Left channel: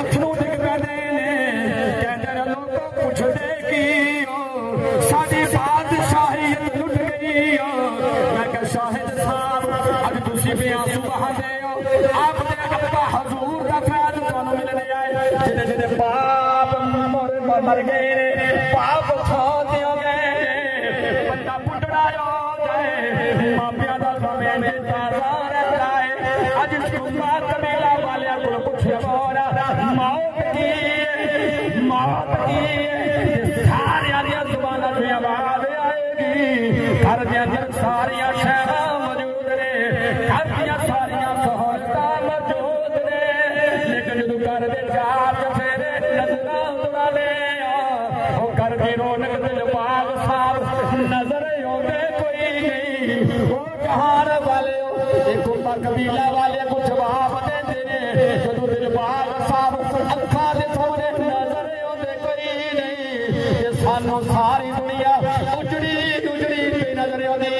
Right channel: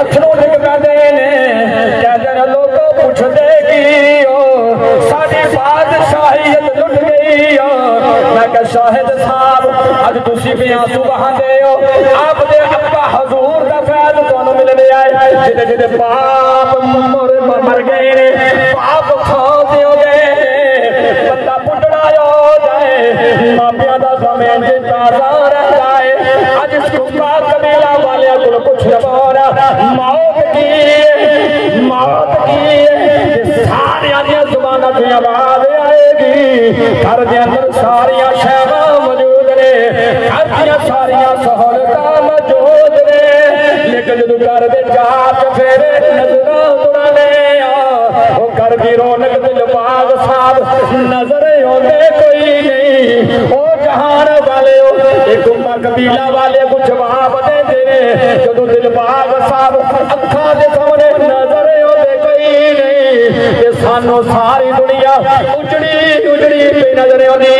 अथरू डिग पैंदे ने कहते ने लोगों पुछदे की साडी बादशाहियत लुट गई मैं कहा शाहिद साहब अज तुसी भी आंसू बहांदे हो आपदे अब्बा हजूर दा फैज तुहानू मिलने आए जिदे जिदे पाप मर गए पाप खा दियो गए बंदा पुटड़ा हो जाए मापिया दा समय ताजा रह जाए अज सुबह कबीला वाले को कुछ बोरा मौत की सारिया दी जुबाना की आवाज आएगी घर दे अंदर सारिया शैवा मौजूद ने घर दियां सारिया सहूलतां मौजूद ने लेकिन जो घर दे चार फेरे नजरां तुरने ओ घर की रौनक दिलबाग साहब नजर आते कोई नहीं ओ जहान वाले एक उम्मा कबीला वाले को जवाब दे दे जो दिलबाग साहब अखा दे सामने नजर आते कोई नहीं ये सानू सारी दुनिया उजड़ी उजड़ी पे नजर आती